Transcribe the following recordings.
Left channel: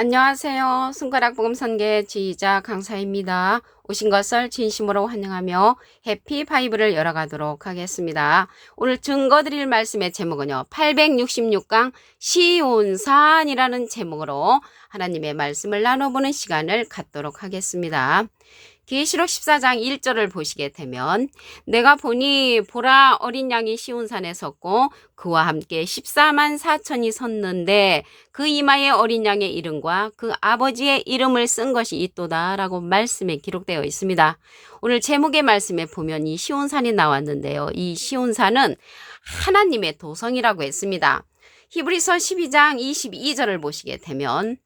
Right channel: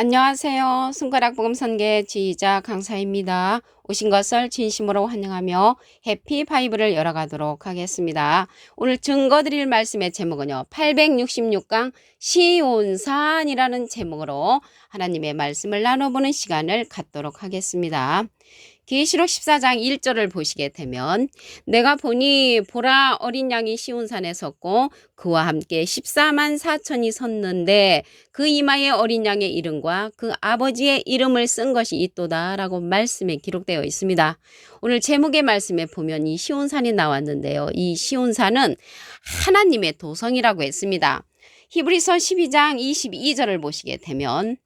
안녕하세요. 손가락 복음 선계 지휘자 강사입니다. 오신 것을 진심으로 환영하며 해피 바이블을 열어가도록 하겠습니다. 오늘 증거 드릴 말씀의 제목은요. 866강 시온산이라는 제목으로 하나님의 말씀을 나눠보는 시간을 갖도록 하겠습니다. 계시록 14장 1절을 보시게 되면 내가 보니 보라 어린 양이 시온산에 섰고 그와 함께 14만 4천이 섰는데 그 이마에 어린 양의 이름과 그 아버지의 이름을 쓴 것이 있도다 라고 말씀에 기록되어 있습니다. 오늘 제목의 말씀에 보면 이 시온산이 나왔는데요. 이 시온산은 하나님의 도성이라고 했습니다. 히브리서 12장 22절을 보시게 되면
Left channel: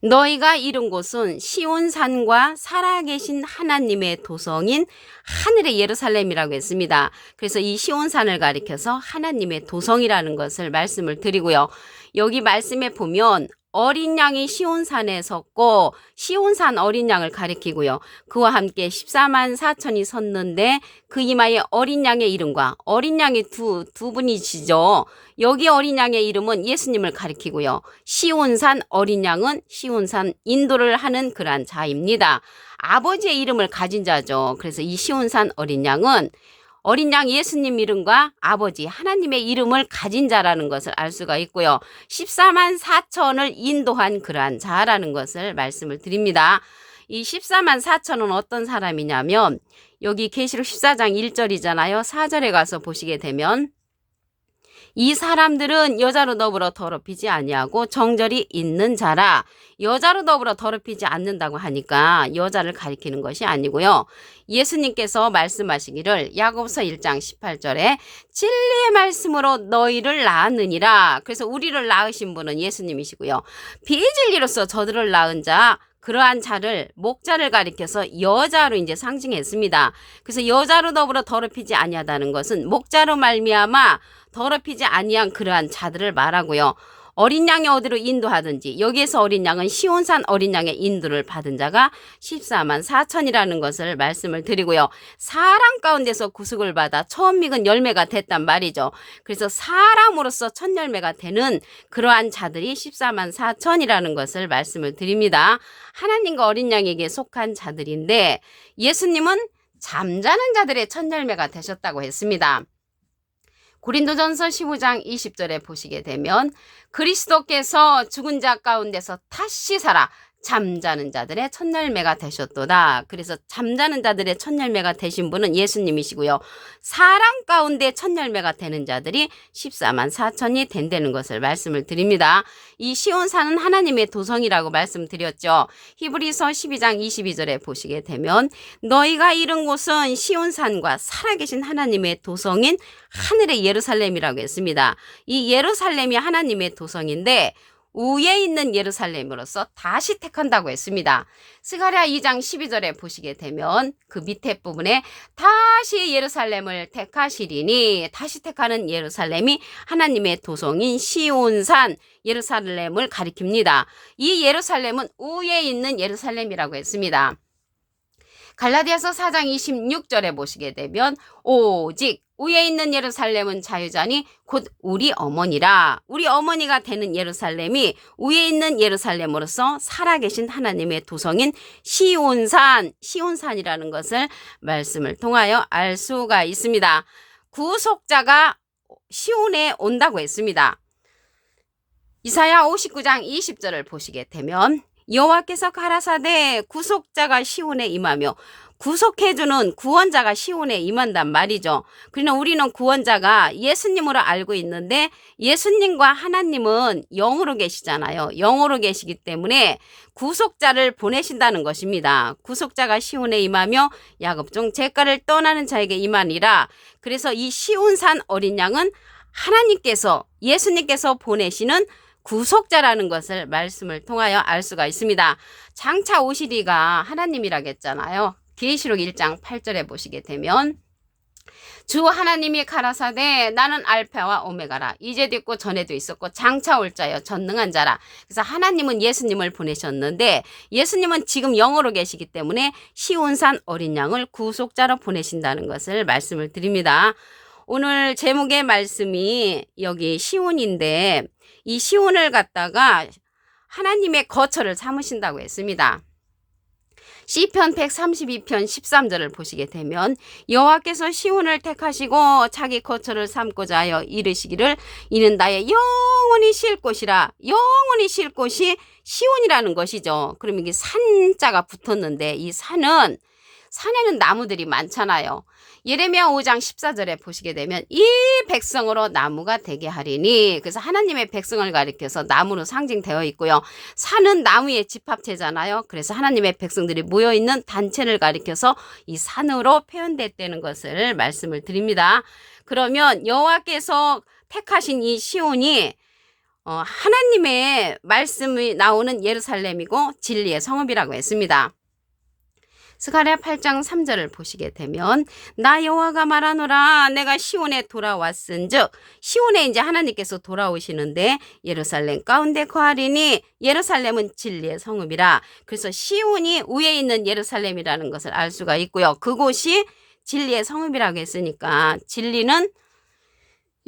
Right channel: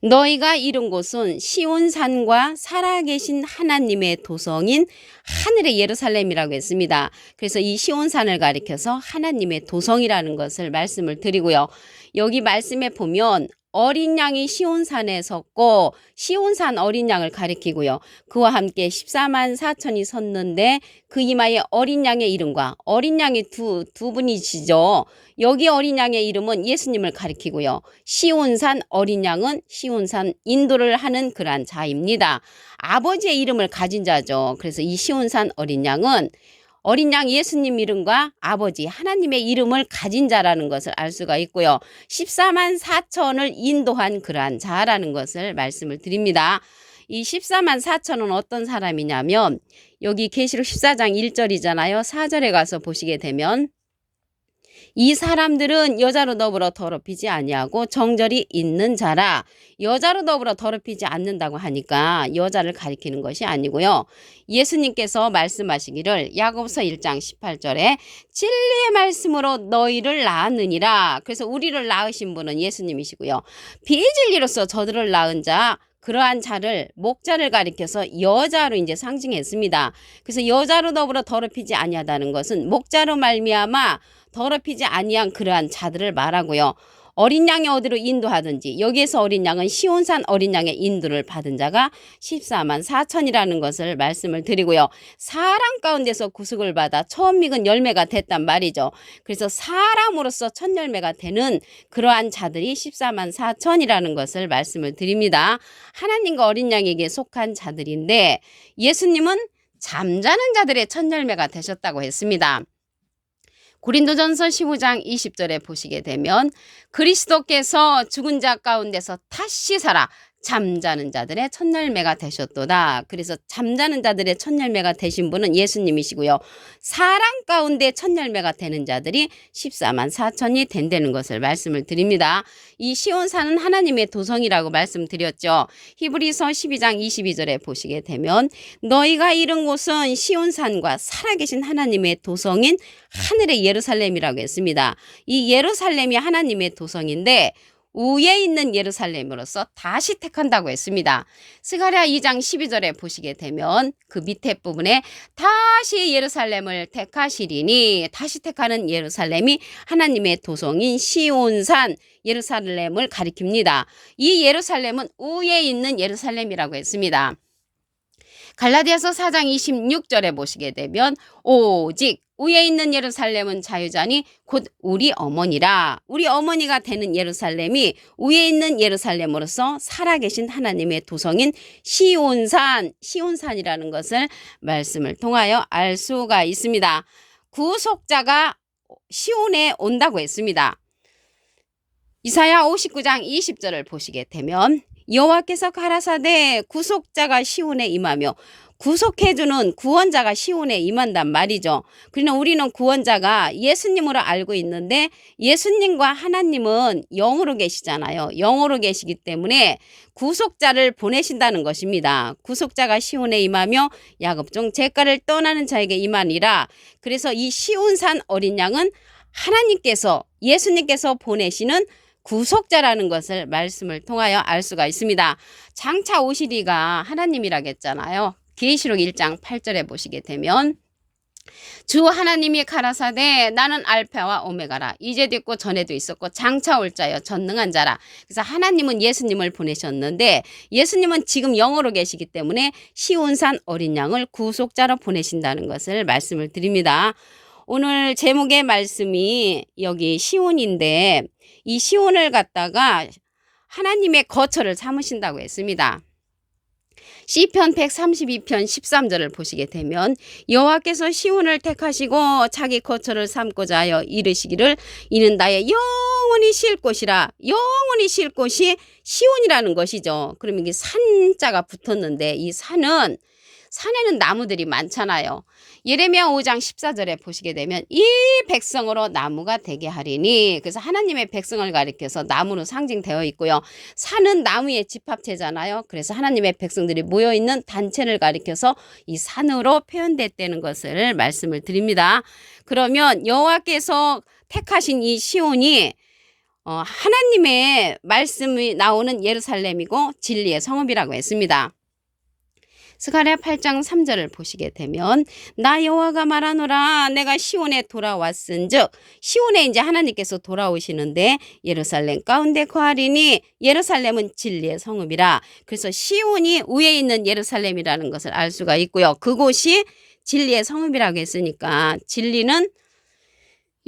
너희가 이룬 곳은 시온산과 살아계신 하나님의 도성인 하늘의 예루살렘이라고 했습니다. 그래서 이 시온산을 가리켜서 하나님의 도성이라는 것을 말씀을 드리고요. 여기 말씀에 보면 어린 양이 시온산에 섰고 시온산 어린 양을 가리키고요. 그와 함께 14만 4천이 섰는데 그 이마에 어린 양의 이름과 어린 양이 두 분이시죠. 여기 어린 양의 이름은 예수님을 가리키고요. 시온산 어린 양은 시온산 인도를 하는 그러한 자입니다. 아버지의 이름을 가진 자죠. 그래서 이 시온산 어린 양은 어린 양 예수님 이름과 아버지 하나님의 이름을 가진 자라는 것을 알 수가 있고요. 14만 4천을 인도한 그러한 자라는 것을 말씀을 드립니다. 이 14만 4천은 어떤 사람이냐면 여기 계시록 14장 1절이잖아요. 4절에 가서 보시게 되면 이 사람들은 여자로 더불어 더럽히지 아니하고 정절이 있는 자라. 여자로 더불어 더럽히지 않는다고 하니까 여자를 가리키는 것이 아니고요. 예수님께서 말씀하시기를 야고보서 1장 18절에 진리의 말씀으로 너희를 낳았느니라. 그래서 우리를 낳으신 분은 예수님이시고요. 비진리로서 저들을 낳은 자 그러한 자를 목자를 가리켜서 여자로 이제 상징했습니다. 그래서 여자로 더불어 더럽히지 아니하다는 것은 목자로 말미암아 더럽히지 아니한 그러한 자들을 말하고요. 어린 양이 어디로 인도하든지 여기에서 어린 양은 시온산 어린 양의 인도를 받은 자가 14만 4천이라는 것을 말씀을 드리고요. 사람 가운데서 구속을 받아 처음 익은 열매가 됐단 말이죠. 그래서 사람으로서 첫 열매가 되는 그러한 자들이 14만 4천이라는 것을 말씀을 드립니다. 하나님과 어린 양에게 속한 자들인데 예수님은 잠자는 자들의 첫 열매가 되셨다고 했습니다. 고린도전서 15장 20절에 보시게 되면 그리스도께서 죽은 자 가운데서 다시 살아 잠자는 자들의 첫 열매가 되셨도다. 그래서 잠자는 자들의 첫 열매가 되신 분은 예수님이시고요. 사람 가운데 첫 열매가 되는 자들이 14만 4천이 된다는 것을 말씀을 드립니다. 이 시온산은 하나님의 도성이라고 말씀드렸죠. 히브리서 12장 22절에 보시게 되면 너희가 이른 곳은 시온산과 살아계신 하나님의 도성인 하늘의 예루살렘이라고 했습니다. 이 예루살렘이 하나님의 도성인데 위에 있는 예루살렘으로서 다시 택한다고 했습니다. 스가랴 2장 12절에 보시게 되면 그 밑에 부분에 다시 예루살렘을 택하시리니 다시 택하는 예루살렘이 하나님의 도성인 시온산 예루살렘을 가리킵니다. 이 예루살렘은 위에 있는 예루살렘이라고 했습니다. 갈라디아서 4장 26절에 보시게 되면 오직 위에 있는 예루살렘은 자유자니 곧 우리 어머니라. 우리 어머니가 되는 예루살렘이 위에 있는 예루살렘으로서 살아계신 하나님의 도성인 시온산이라는 것을 말씀을 통하여 알 수가 있습니다. 구속자가 시온에 온다고 했습니다. 이사야 59장 20절을 보시게 되면 여호와께서 가라사대 구속자가 시온에 임하며 구속해주는 구원자가 시온에 임한단 말이죠. 그러나 우리는 구원자가 예수님으로 알고 있는데 예수님과 하나님은 영으로 계시잖아요. 영으로 계시기 때문에 구속자를 보내신다는 것입니다. 구속자가 시온에 임하며 야곱 중 제가를 떠나는 자에게 임하니라. 그래서 이 시온산 어린 양은 하나님께서 예수님께서 보내시는 구속자라는 것을 말씀을 통하여 알 수가 있습니다. 장차 오시리가 하나님이라겠잖아요. 계시록 1장 8절에 보시게 되면 주 하나님이 가라사대 나는 알파와 오메가라. 이제도 있고 전에도 있었고 장차 올 자여 전능한 자라. 그래서 하나님은 예수님을 보내셨는데 예수님은 지금 영으로 계시기 때문에 시온산 어린 양을 구속자로 보내신다는 것을 말씀을 드립니다. 오늘 제목의 말씀이 여기 시온인데 이 시온을 갖다가 하나님의 거처를 삼으신다고 했습니다. 시편 132편 13절을 보시게 되면 여호와께서 시온을 택하시고 자기 거처를 삼고자 하여 이르시기를 이는 나의 영원히 쉴 곳이라. 영원히 쉴 곳이 시온이라는 것이죠. 그럼 이게 산자가 붙었는데 이 산에는 나무들이 많잖아요. 예레미야 5장 14절에 보시게 되면 이 백성으로 나무가 되게 하리니, 그래서 하나님의 백성을 가리켜서 나무로 상징되어 있고요. 산은 나무의 집합체잖아요. 그래서 하나님의 백성들이 모여있는 단체를 가리켜서 이 산으로 표현됐다는 것을 말씀을 드립니다. 그러면 여호와께서 택하신 이 시온이 하나님의 말씀이 나오는 예루살렘이고 진리의 성읍이라고 했습니다. 스가랴 8장 3절을 보시게 되면 나 여호와가 말하노라 내가 시온에 돌아왔은즉, 시온에 이제 하나님께서 돌아오시는데 예루살렘 가운데 거하리니 예루살렘은 진리의 성읍이라. 그래서 시온이 위에 있는 예루살렘이라는 것을 알 수가 있고요. 그곳이 진리의 성읍이라고 했으니까 진리는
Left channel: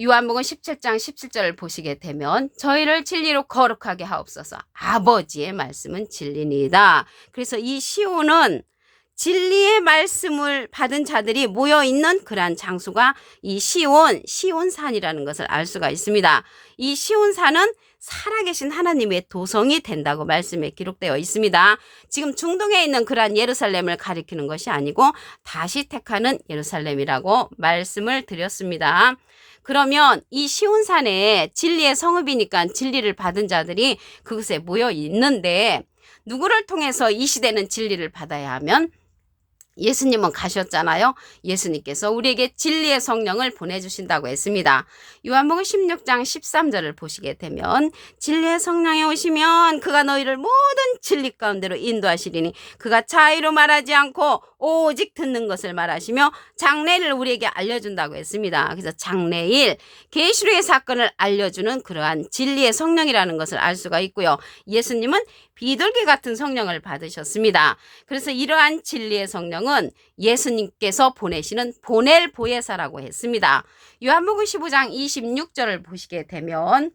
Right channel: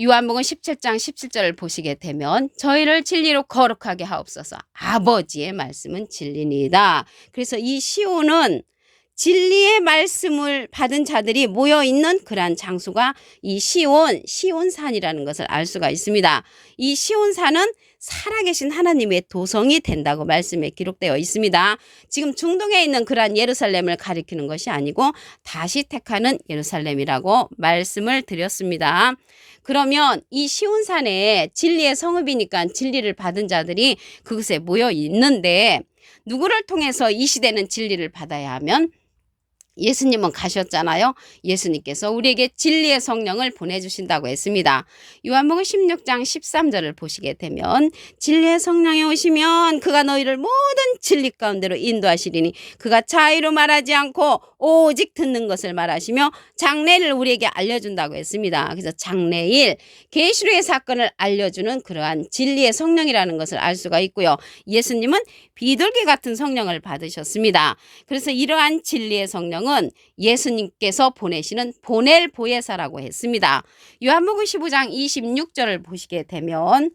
요한복음 17장 17절을 보시게 되면 저희를 진리로 거룩하게 하옵소서. 아버지의 말씀은 진리니이다. 그래서 이 시온은 진리의 말씀을 받은 자들이 모여있는 그러한 장소가 이 시온산이라는 것을 알 수가 있습니다. 이 시온산은 살아계신 하나님의 도성이 된다고 말씀에 기록되어 있습니다. 지금 중동에 있는 그러한 예루살렘을 가리키는 것이 아니고 다시 택하는 예루살렘이라고 말씀을 드렸습니다. 그러면 이 시온산에 진리의 성읍이니까 진리를 받은 자들이 그곳에 모여 있는데 누구를 통해서 이 시대는 진리를 받아야 하면 예수님은 가셨잖아요. 예수님께서 우리에게 진리의 성령을 보내주신다고 했습니다. 요한복음 16장 13절을 보시게 되면 진리의 성령이 오시면 그가 너희를 모든 진리 가운데로 인도하시리니 그가 자의로 말하지 않고 오직 듣는 것을 말하시며 장래를 우리에게 알려준다고 했습니다. 그래서 장래일 계시로의 사건을 알려주는 그러한 진리의 성령이라는 것을 알 수가 있고요. 예수님은 비둘기 같은 성령을 받으셨습니다. 그래서 이러한 진리의 성령은 예수님께서 보내시는 보낼 보혜사라고 했습니다. 요한복음 15장 26절을 보시게 되면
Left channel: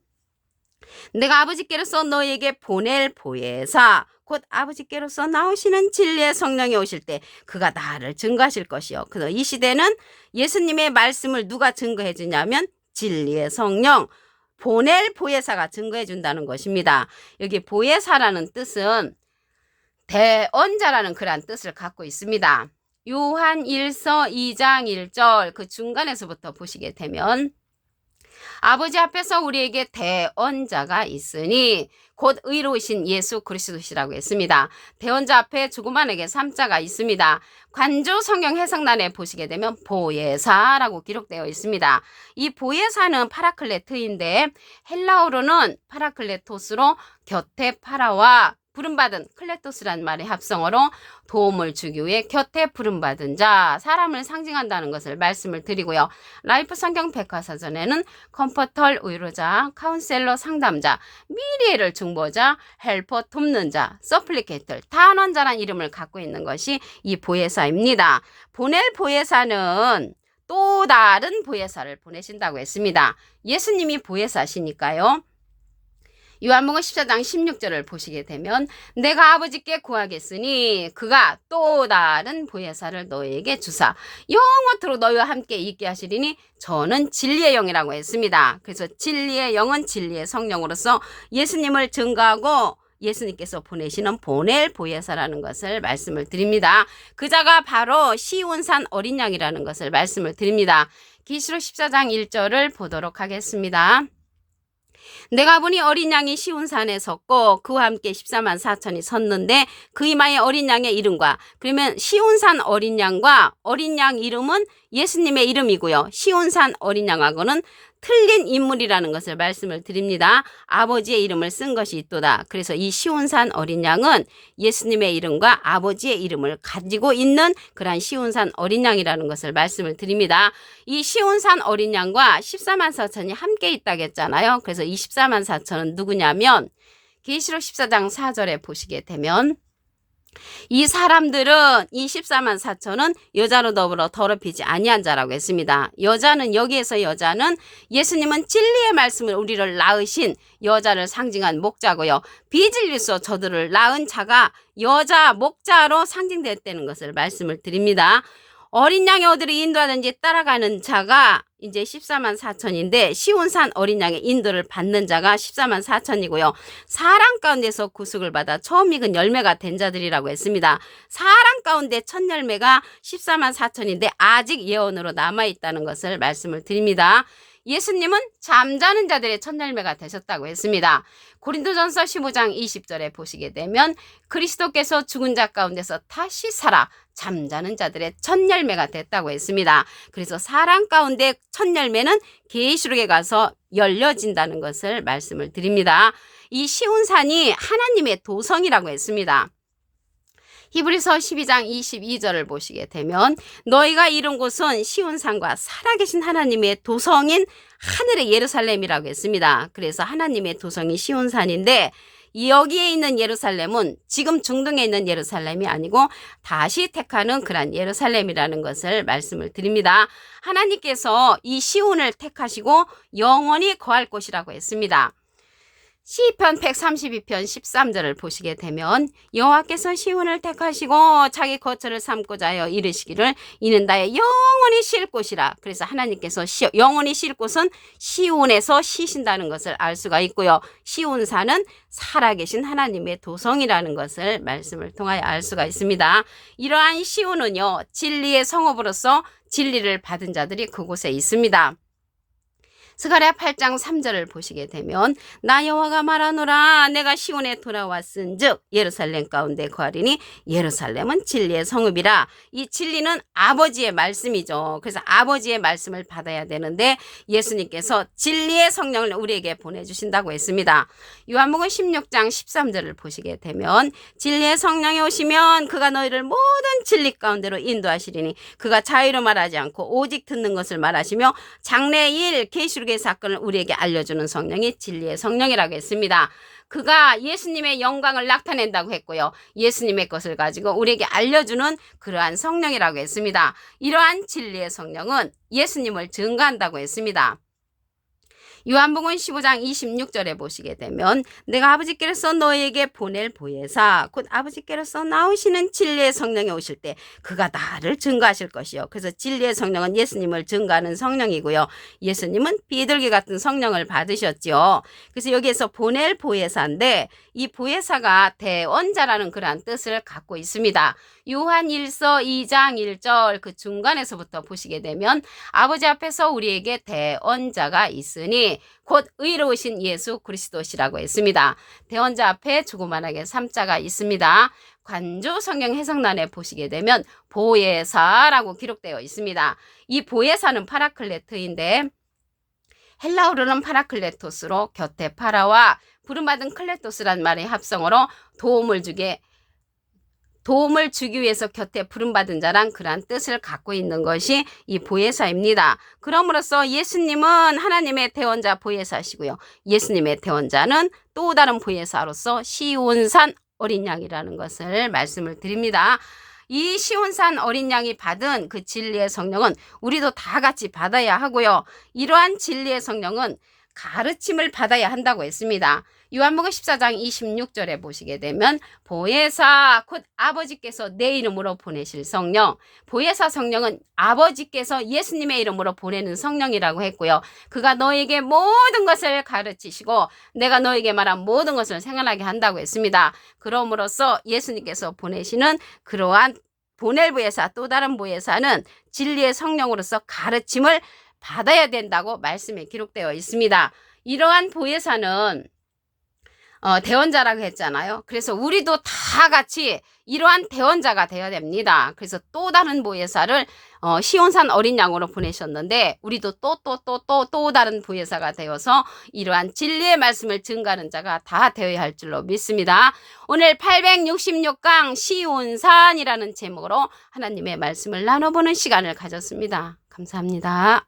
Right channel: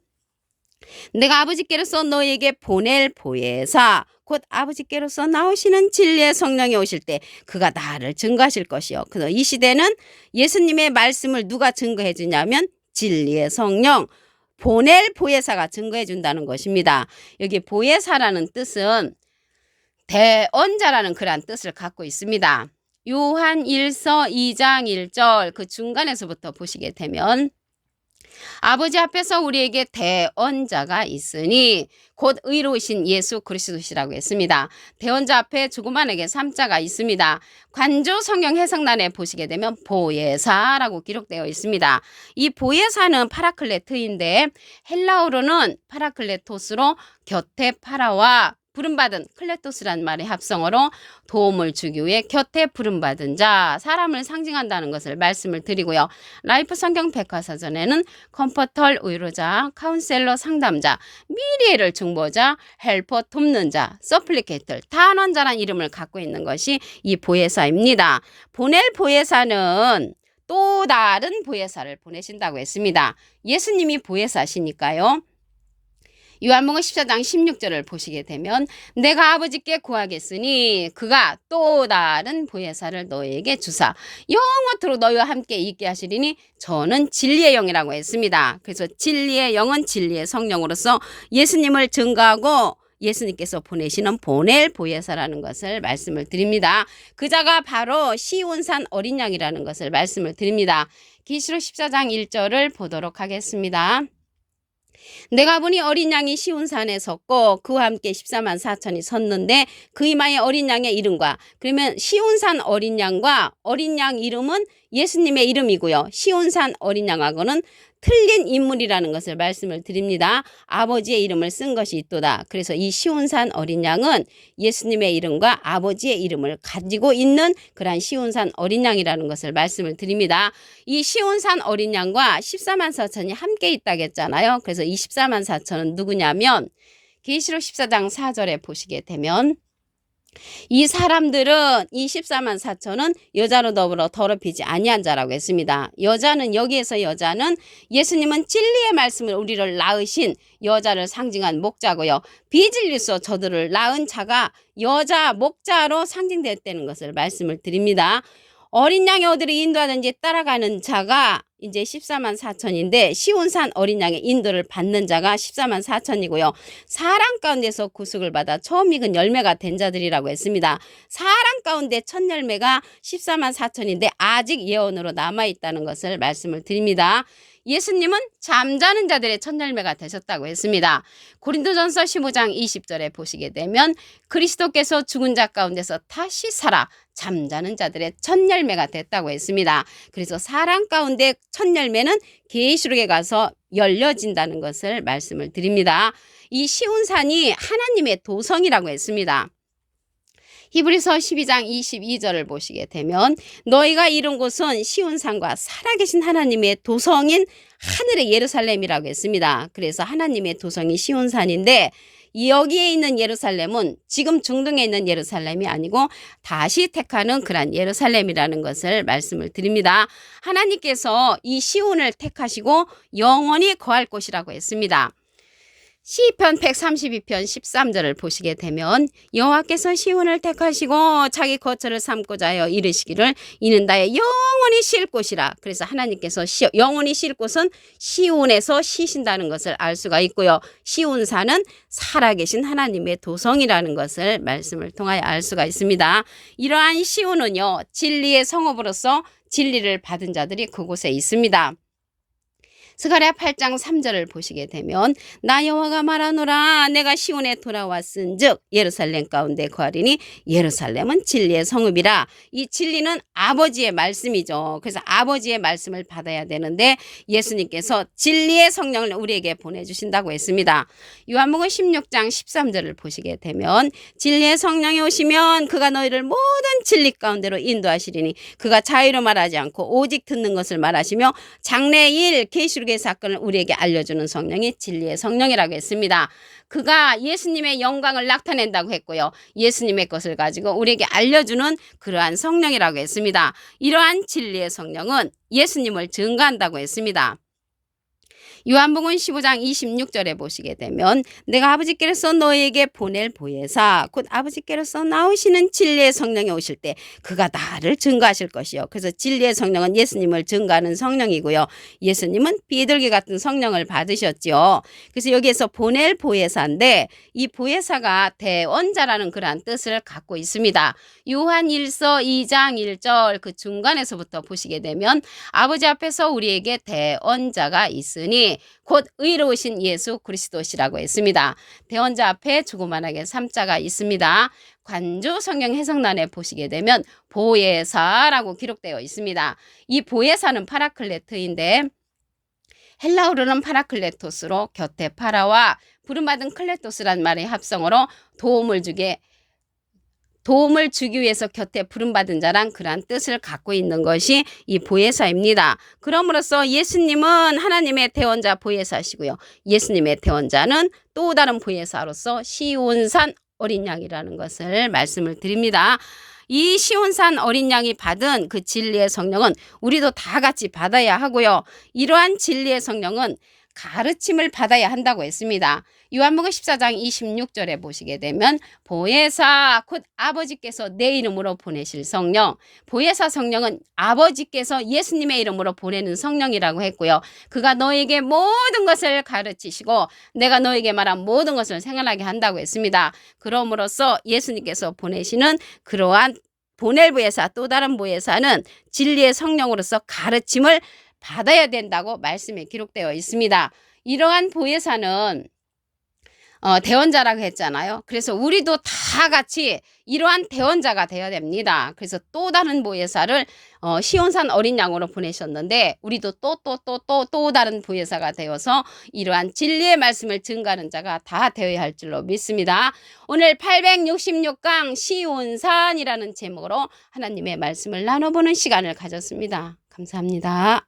내가 아버지께로서 너에게 보낼 보혜사 곧 아버지께로서 나오시는 진리의 성령이 오실 때 그가 나를 증거하실 것이요. 그래서 이 시대는 예수님의 말씀을 누가 증거해 주냐면 진리의 성령, 보낼 보혜사가 증거해 준다는 것입니다. 여기 보혜사라는 뜻은 대언자라는 그러한 뜻을 갖고 있습니다. 요한 1서 2장 1절 그 중간에서부터 보시게 되면 아버지 앞에서 우리에게 대언자가 있으니 곧 의로우신 예수 그리스도시라고 했습니다. 대언자 앞에 조그만하게 3자가 있습니다. 관조 성경 해석란에 보시게 되면 보혜사라고 기록되어 있습니다. 이 보혜사는 파라클레트인데 헬라어로는 파라클레토스로 곁에 파라와 부름받은 클레토스란 말의 합성어로 도움을 주기 위해 곁에 부름받은 자, 사람을 상징한다는 것을 말씀을 드리고요. 라이프 성경 백과사전에는 컴포털 위로자, 카운셀러 상담자, 미래를 중보자, 헬퍼 돕는 자, 서플리케이터, 단원자란 이름을 갖고 있는 것이 이 보혜사입니다. 보낼 보혜사는 또 다른 보혜사를 보내신다고 했습니다. 예수님이 보혜사시니까요. 요한복음 14장 16절을 보시게 되면 내가 아버지께 구하겠으니 그가 또 다른 보혜사를 너희에게 주사 영원토록 너희와 함께 있게 하시리니 저는 진리의 영이라고 했습니다. 그래서 진리의 영은 진리의 성령으로서 예수님을 증거하고 예수님께서 보내시는 보낼 보혜사라는 것을 말씀을 드립니다. 그자가 바로 시온산 어린 양이라는 것을 말씀을 드립니다. 계시록 14장 1절을 보도록 하겠습니다. 내가 보니 어린 양이 시온산에 섰고 그와 함께 14만 4천이 섰는데 그 이마에 어린 양의 이름과, 그러면 시온산 어린 양과 어린 양 이름은 예수님의 이름이고요. 시온산 어린 양하고는 틀린 인물이라는 것을 말씀을 드립니다. 아버지의 이름을 쓴 것이 있도다. 그래서 이 시온산 어린 양은 예수님의 이름과 아버지의 이름을 가지고 있는 그러한 시온산 어린 양이라는 것을 말씀을 드립니다. 이 시온산 어린 양과 14만 4천이 함께 있다고 했잖아요. 그래서 이 14만 4천은 누구냐면 계시록 14장 4절에 보시게 되면 이 사람들은 이 14만 4천은 여자로 더불어 더럽히지 아니한 자라고 했습니다. 여자는 여기에서 여자는 예수님은 진리의 말씀을 우리를 낳으신 여자를 상징한 목자고요. 비질리서 저들을 낳은 자가 여자 목자로 상징됐다는 것을 말씀을 드립니다. 어린 양의 어디를 인도하든지 따라가는 자가 이제 14만 4천인데 시온산 어린 양의 인도를 받는 자가 14만 4천이고요. 사람 가운데서 구속을 받아 처음 익은 열매가 된 자들이라고 했습니다. 사람 가운데 첫 열매가 14만 4천인데 아직 예언으로 남아있다는 것을 말씀을 드립니다. 예수님은 잠자는 자들의 첫 열매가 되셨다고 했습니다. 고린도전서 15장 20절에 보시게 되면 그리스도께서 죽은 자 가운데서 다시 살아 잠자는 자들의 첫 열매가 됐다고 했습니다. 그래서 사람 가운데 첫 열매는 계시록에 가서 열려진다는 것을 말씀을 드립니다. 이 시온산이 하나님의 도성이라고 했습니다. 히브리서 12장 22절을 보시게 되면 너희가 이룬 곳은 시온산과 살아계신 하나님의 도성인 하늘의 예루살렘이라고 했습니다. 그래서 하나님의 도성이 시온산인데 여기에 있는 예루살렘은 지금 중동에 있는 예루살렘이 아니고 다시 택하는 그런 예루살렘이라는 것을 말씀을 드립니다. 하나님께서 이 시온을 택하시고 영원히 거할 곳이라고 했습니다. 시편 132편 13절을 보시게 되면 여호와께서 시온을 택하시고 자기 거처를 삼고자 하여 이르시기를 이는 나의 영원히 쉴 곳이라. 그래서 하나님께서 영원히 쉴 곳은 시온에서 쉬신다는 것을 알 수가 있고요. 시온산은 살아계신 하나님의 도성이라는 것을 말씀을 통하여 알 수가 있습니다. 이러한 시온은요, 진리의 성읍으로서 진리를 받은 자들이 그곳에 있습니다. 스가랴 8장 3절을 보시게 되면 나 여호와가 말하노라 내가 시온에 돌아왔은즉 예루살렘 가운데 거하리니 예루살렘은 진리의 성읍이라. 이 진리는 아버지의 말씀이죠. 그래서 아버지의 말씀을 받아야 되는데 예수님께서 진리의 성령을 우리에게 보내주신다고 했습니다. 요한복음 16장 13절을 보시게 되면 진리의 성령이 오시면 그가 너희를 모든 진리 가운데로 인도하시리니 그가 자유로 말하지 않고 오직 듣는 것을 말하시며 장래일 계시록의 사건을 우리에게 알려주는 성령이 진리의 성령이라고 했습니다. 그가 예수님의 영광을 나타낸다고 했고요. 예수님의 것을 가지고 우리에게 알려주는 그러한 성령이라고 했습니다. 이러한 진리의 성령은 예수님을 증거한다고 했습니다. 요한복음 15장 26절에 보시게 되면 내가 아버지께로서 너희에게 보낼 보혜사 곧 아버지께로서 나오시는 진리의 성령이 오실 때 그가 나를 증거하실 것이요. 그래서 진리의 성령은 예수님을 증거하는 성령이고요. 예수님은 비둘기 같은 성령을 받으셨죠. 그래서 여기에서 보낼 보혜사인데 이 보혜사가 대언자라는 그러한 뜻을 갖고 있습니다. 요한 1서 2장 1절 그 중간에서부터 보시게 되면 아버지 앞에서 우리에게 대언자가 있으니 곧 의로우신 예수 그리스도시라고 했습니다. 대언자 앞에 조그만하게 3자가 있습니다. 관조 성경 해석란에 보시게 되면 보혜사라고 기록되어 있습니다. 이 보혜사는 파라클레트인데 헬라어로는 파라클레토스로 곁에 파라와 부름받은 클레토스란 말의 합성어로 도움을 주기 위해서 곁에 부름받은 자란 그러한 뜻을 갖고 있는 것이 이 보혜사입니다. 그럼으로써 예수님은 하나님의 대언자 보혜사시고요. 예수님의 대언자는 또 다른 보혜사로서 시온산 어린 양이라는 것을 말씀을 드립니다. 이 시온산 어린 양이 받은 그 진리의 성령은 우리도 다 같이 받아야 하고요. 이러한 진리의 성령은 가르침을 받아야 한다고 했습니다. 요한복음 14장 26절에 보시게 되면 보혜사 곧 아버지께서 내 이름으로 보내실 성령, 보혜사 성령은 아버지께서 예수님의 이름으로 보내는 성령이라고 했고요. 그가 너에게 모든 것을 가르치시고 내가 너에게 말한 모든 것을 생각나게 한다고 했습니다. 그러므로써 예수님께서 보내시는 그러한 보낼 보혜사 또 다른 보혜사는 진리의 성령으로서 가르침을 받아야 된다고 말씀에 기록되어 있습니다. 이러한 보혜사는 대언자라고 했잖아요. 그래서 우리도 다 같이 이러한 대언자가 되어야 됩니다. 그래서 또 다른 보혜사를 시온산 어린 양으로 보내셨는데 우리도 또 다른 보혜사가 되어서 이러한 진리의 말씀을 증거하는 자가 다 되어야 할 줄로 믿습니다. 오늘 866강 시온산이라는 제목으로 하나님의 말씀을 나눠보는 시간을 가졌습니다. 감사합니다.